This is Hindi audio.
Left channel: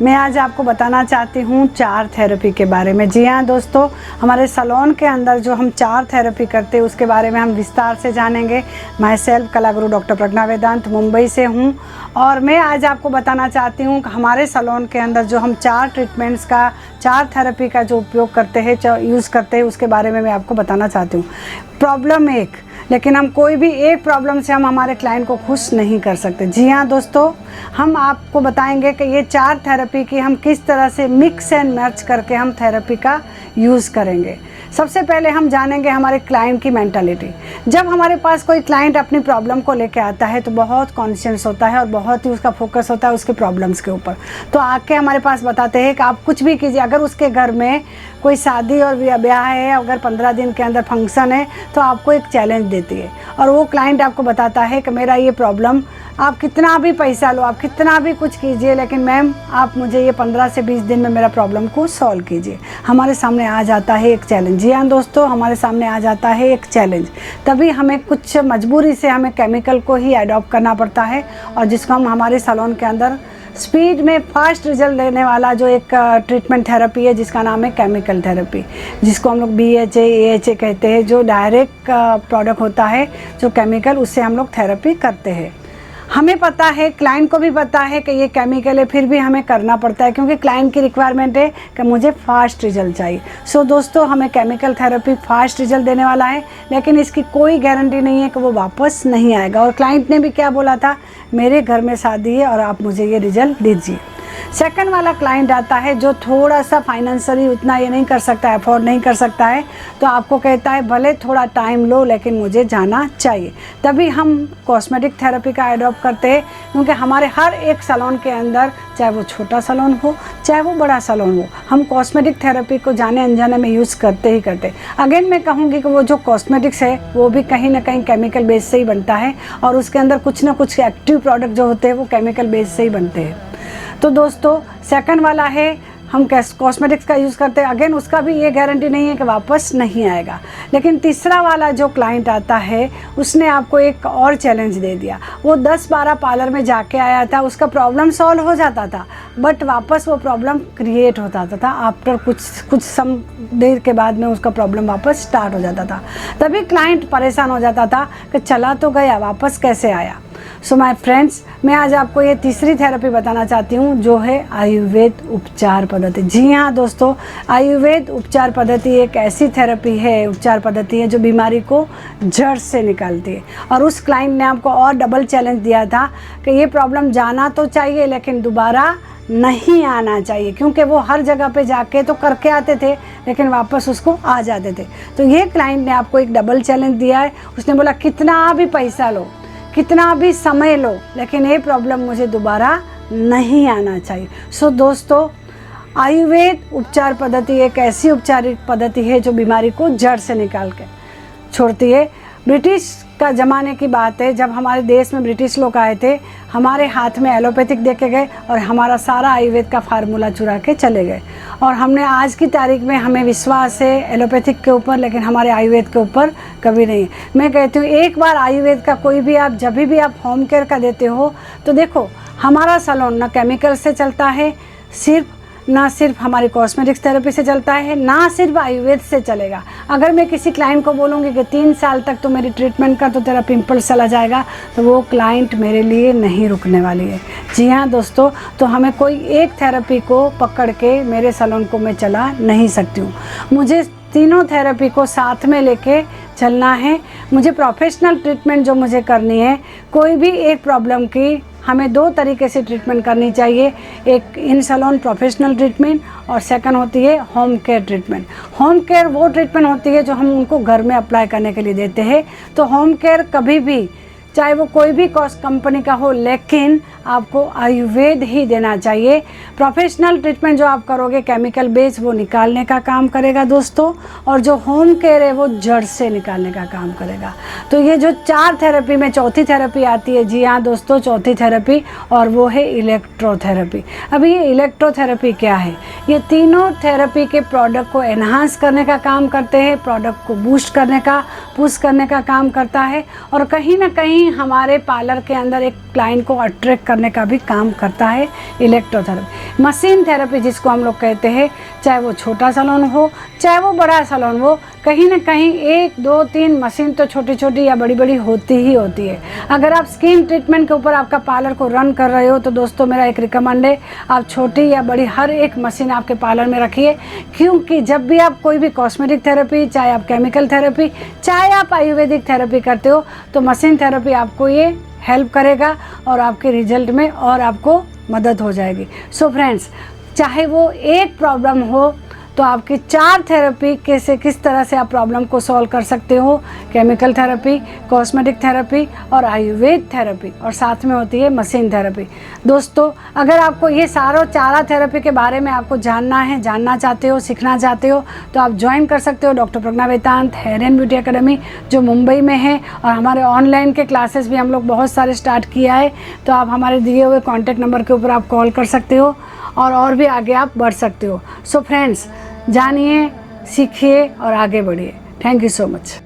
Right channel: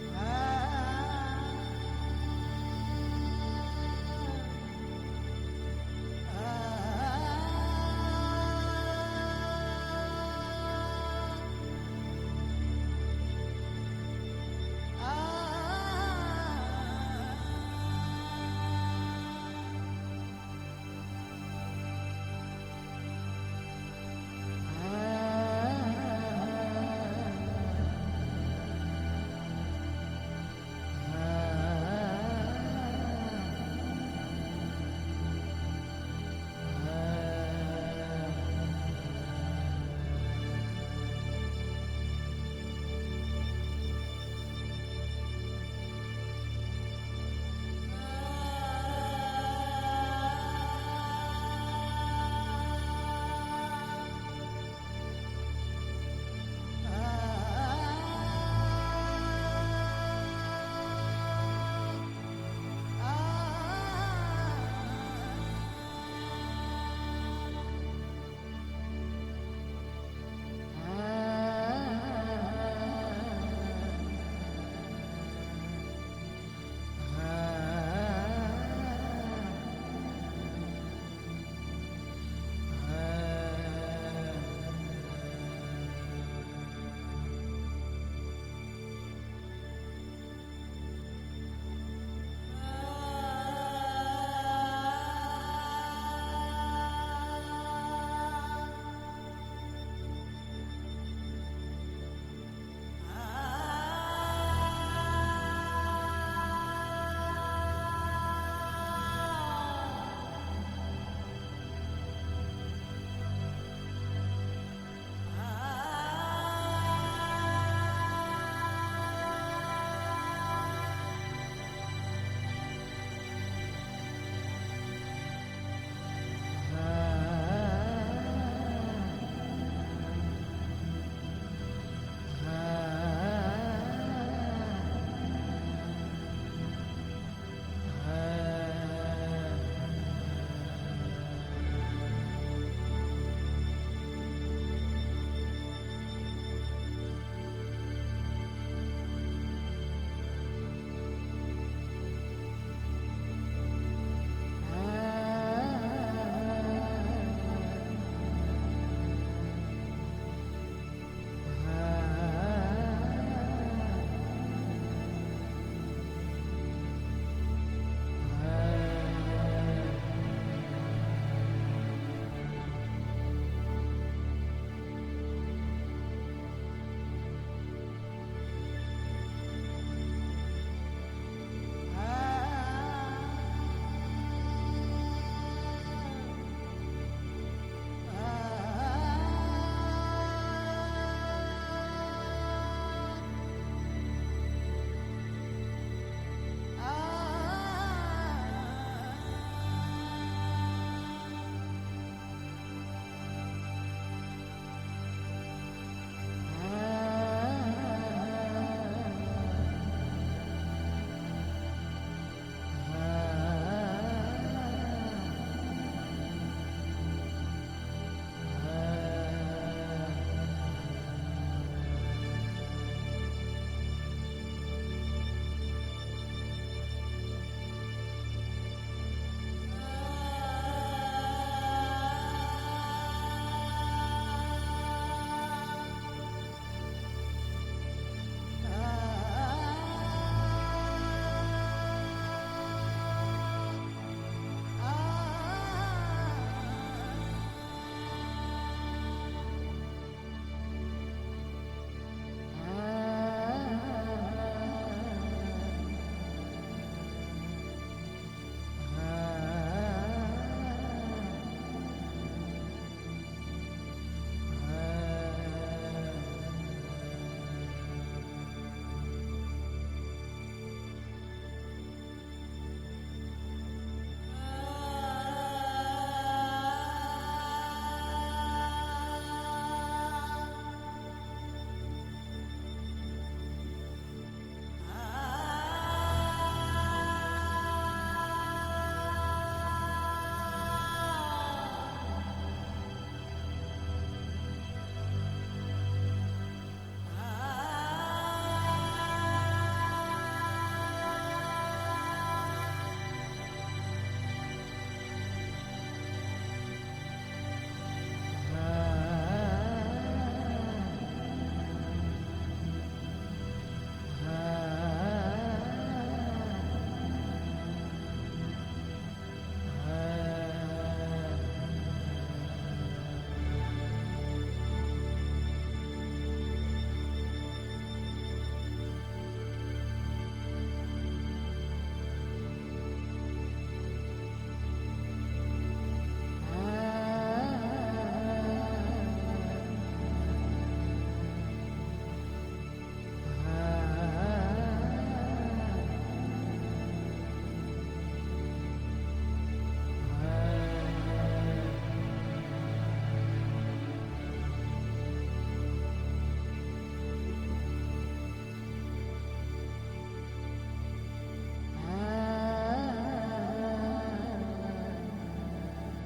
मैं आज आपको बताना चाहती हूँ 4 थेरेपी के बारे में। जी हाँ दोस्तों, हमारे सैलून के अंदर जो हम 4 थेरेपी करते हैं उसके बारे में हम विस्तार से जानेंगे। मैं सेल्फ कला गुरु डॉक्टर प्रज्ञा वेदांत मुंबई से हूँ और मैं आज आपको बताना चाहती हूँ कि हमारे सैलून के अंदर जो हम 4 ट्रीटमेंट्स का 4 थेरेपी का जो उपयोग करते हैं यूज़ करते हैं उसके बारे में मैं आपको बताना चाहती हूँ। प्रॉब्लम एक, लेकिन हम कोई भी एक प्रॉब्लम से हम हमारे क्लाइंट को खुश नहीं कर सकते। जी हाँ दोस्तों, हम आपको बताएंगे कि ये 4 थेरेपी की हम किस तरह से मिक्स एंड मैच करके हम थेरेपी का यूज़ करेंगे। सबसे पहले हम जानेंगे हमारे क्लाइंट की मेंटालिटी। जब हमारे पास कोई क्लाइंट अपनी प्रॉब्लम को लेकर आता है तो बहुत कॉन्शियस होता है और बहुत ही उसका फोकस होता है उसके प्रॉब्लम्स के ऊपर। तो आके हमारे पास बताते हैं कि आप कुछ भी कीजिए, अगर उसके घर में कोई शादी और ब्याह है, अगर 15 दिन के अंदर फंक्शन है तो आपको एक चैलेंज देती है और वो क्लाइंट आपको बताता है कि मेरा ये प्रॉब्लम, आप कितना भी पैसा लो, आप कितना भी कुछ कीजिए, लेकिन मैम आप मुझे ये 15 से 20 दिन में मेरा प्रॉब्लम को सॉल्व कीजिए। हमारे सामने आ जाता है एक चैलेंज। जी हाँ दोस्तों, हमारे सामने आ जाता है एक चैलेंज। तभी हमें कुछ मजबूरी से हमें केमिकल को ही अडॉप्ट करना पड़ता है और जिसको हम हमारे सैलून के अंदर स्पीड में फास्ट रिजल्ट देने वाला जो एक ट्रीटमेंट थेरेपी है जिसका नाम है केमिकल थेरेपी, जिसको हम लोग BHA AHA कहते हैं। जो डायरेक्ट प्रोडक्ट होता है जो केमिकल, उससे हम लोग थेरेपी करते हैं। हमें पता है, क्लाइंट को भी पता है कि ये केमिकल है, फिर भी हमें करना पड़ता है क्योंकि क्लाइंट की रिक्वायरमेंट है कि मुझे फास्ट रिजल्ट चाहिए। सो दोस्तों, हमें केमिकल थेरेपी फास्ट रिजल्ट देने वाला है, लेकिन इसकी कोई गारंटी नहीं है कि वो वापस नहीं आएगा। और क्लाइंट ने भी क्या बोला था, मेरे घर में शादी है और आप मुझे ये रिजल्ट दीजिए। सेकंड वाला क्लाइंट आता है जो थोड़ा सा फाइनेंशियली उतना ये नहीं कर सकता है, अफोर्ड नहीं कर सकता है, तो आपको कहता है भले थोड़ा टाइम लो लेकिन मुझे जाना चाहिए। तभी हम कॉस्मेटिक थेरेपी का एडॉप्ट करते हैं क्योंकि हमारे हर एक सैलून के अंदर, चाहे वो छोटा सैलून हो चाहे वो बड़ा सैलून हो, हम कॉस्मेटिक थेरेपी को जाने अनजाने में यूज़ करते ही करते। अगेन मैं कहूँगी कि वो जो कॉस्मेटिक्स है वो भी कहीं ना कहीं केमिकल बेस से ही बनता है और उसके अंदर कुछ ना कुछ एक्टिव प्रोडक्ट जो होते हैं वो केमिकल बेस से ही बनते हैं। तो दोस्तों, सेकंड वाला है हम कॉस्मेटिक्स का यूज़ करते हैं। अगेन उसका भी ये गारंटी नहीं है कि वापस नहीं आएगा। लेकिन तीसरा वाला जो क्लाइंट आता है उसने आपको एक और चैलेंज दे दिया। वो 10-12 पार्लर में जाके आया था, उसका प्रॉब्लम सॉल्व हो जाता था, बट वापस वो प्रॉब्लम क्रिएट हो जाता था। आफ्टर कुछ सम देर के बाद में उसका प्रॉब्लम वापस स्टार्ट हो जाता था। तभी क्लाइंट परेशान हो जाता था कि चला तो गया, वापस कैसे आया। सो माय फ्रेंड्स, मैं आज आपको ये तीसरी थेरेपी बताना चाहती हूँ जो है आयुर्वेद उपचार पद्धति। जी हाँ दोस्तों, आयुर्वेद उपचार पद्धति एक ऐसी थेरेपी है, उपचार पद्धति है जो बीमारी को जड़ से निकालती है। और उस क्लाइंट ने आपको और डबल चैलेंज दिया था कि ये प्रॉब्लम जाना तो चाहिए लेकिन दोबारा नहीं आना चाहिए, क्योंकि वो हर जगह पे जाके तो करके आते थे लेकिन वापस उसको आ जाते थे। तो ये क्लाइंट ने आपको एक डबल चैलेंज दिया है। उसने बोला कितना भी पैसा लो, कितना भी समय लो, लेकिन ये प्रॉब्लम मुझे दोबारा नहीं आना चाहिए। सो दोस्तों, आयुर्वेद उपचार पद्धति एक ऐसी उपचारिक पद्धति है जो बीमारी को जड़ से निकाल के छोड़ती है। ब्रिटिश का ज़माने की बात है, जब हमारे देश में ब्रिटिश लोग आए थे, हमारे हाथ में एलोपैथिक दे के गए और हमारा सारा आयुर्वेद का फार्मूला चुरा के चले गए। और हमने आज की तारीख में हमें विश्वास है एलोपैथिक के ऊपर, लेकिन हमारे आयुर्वेद के ऊपर कभी नहीं। मैं कहती हूँ एक बार आयुर्वेद का कोई भी आप जब भी आप होम केयर का देते हो तो देखो, हमारा सैलून ना केमिकल से चलता है, ना सिर्फ हमारी कॉस्मेटिक्स थेरेपी से चलता है, ना सिर्फ आयुर्वेद से चलेगा। अगर मैं किसी क्लाइंट को बोलूँगी कि 3 साल तक तो मेरी ट्रीटमेंट कर तो तेरा पिंपल चला जाएगा, तो वो क्लाइंट मेरे लिए नहीं रुकने वाली है। जी हाँ दोस्तों, तो हमें कोई एक थेरेपी को पकड़ के मेरे सैलून को मैं चला नहीं सकती हूँ। मुझे तीनों थेरेपी को साथ में लेके चलना है। मुझे प्रोफेशनल ट्रीटमेंट जो मुझे करनी है, कोई भी एक प्रॉब्लम की हमें 2 तरीके से ट्रीटमेंट करनी चाहिए। एक इन सैलून प्रोफेशनल ट्रीटमेंट और सेकंड होती है home care treatment. Home care वो ट्रीटमेंट होती है जो हम उनको घर में अप्लाई करने के लिए देते हैं। तो होम केयर कभी भी, चाहे वो कोई भी कॉस्ट कंपनी का हो, लेकिन आपको आयुर्वेद ही देना चाहिए। प्रोफेशनल ट्रीटमेंट जो आप करोगे केमिकल बेस, वो निकालने का काम करेगा दोस्तों, और जो होम केयर है वो जड़ से निकालने का काम करेगा। तो ये जो 4 थेरेपी में चौथी थेरेपी आती है, जी हाँ दोस्तों, चौथी थेरेपी, और वो है इलेक्ट्रोथेरेपी। अभी ये इलेक्ट्रोथेरेपी क्या है? ये तीनों थेरेपी के प्रोडक्ट को एनहांस करने का काम करते हैं, प्रोडक्ट को बूस्ट करने का, पुश करने का काम करता है, और कहीं ना कहीं हमारे पार्लर के अंदर एक क्लाइंट को अट्रैक्ट करने का भी काम करता है इलेक्ट्रोथेरेपी। मशीन थेरेपी जिसको हम लोग कहते हैं, चाहे वो छोटा सैलून हो चाहे वो बड़ा सैलून हो, कहीं ना कहीं 1 2 3 मशीन तो छोटी छोटी या बड़ी बड़ी होती ही होती है। अगर आप स्किन ट्रीटमेंट के ऊपर आपका पार्लर को रन कर रहे हो तो दोस्तों मेरा एक रिकमेंड है, आप छोटी या बड़ी हर एक मशीन आपके पार्लर में रखिए। क्योंकि जब भी आप कोई भी कॉस्मेटिक थेरेपी, चाहे आप केमिकल थेरेपी, चाहे आप आयुर्वेदिक थेरेपी करते हो, तो मशीन थेरेपी आपको ये हेल्प करेगा और आपके रिजल्ट में और आपको मदद हो जाएगी। सो फ्रेंड्स, चाहे वो एक प्रॉब्लम हो तो आपकी 4 थेरेपी कैसे किस तरह से आप प्रॉब्लम को सॉल्व कर सकते हो। केमिकल थेरेपी, कॉस्मेटिक थेरेपी और आयुर्वेद थेरेपी, और साथ में होती है मशीन थेरेपी। दोस्तों, अगर आपको ये सारों 4 थेरेपी के बारे में आपको जानना है, जानना चाहते हो, सीखना चाहते हो, तो आप ज्वाइन कर सकते हो doctor Pragya Vedant hair and beauty academy, जो मुंबई में है। और हमारे ऑनलाइन के क्लासेस भी हम लोग बहुत सारे स्टार्ट किया है, तो आप हमारे दिए हुए कॉन्टैक्ट नंबर के ऊपर आप कॉल कर सकते हो और भी आगे आप बढ़ सकते हो। सो फ्रेंड्स, जानिए, सीखिए और आगे बढ़िए। Thank you so much.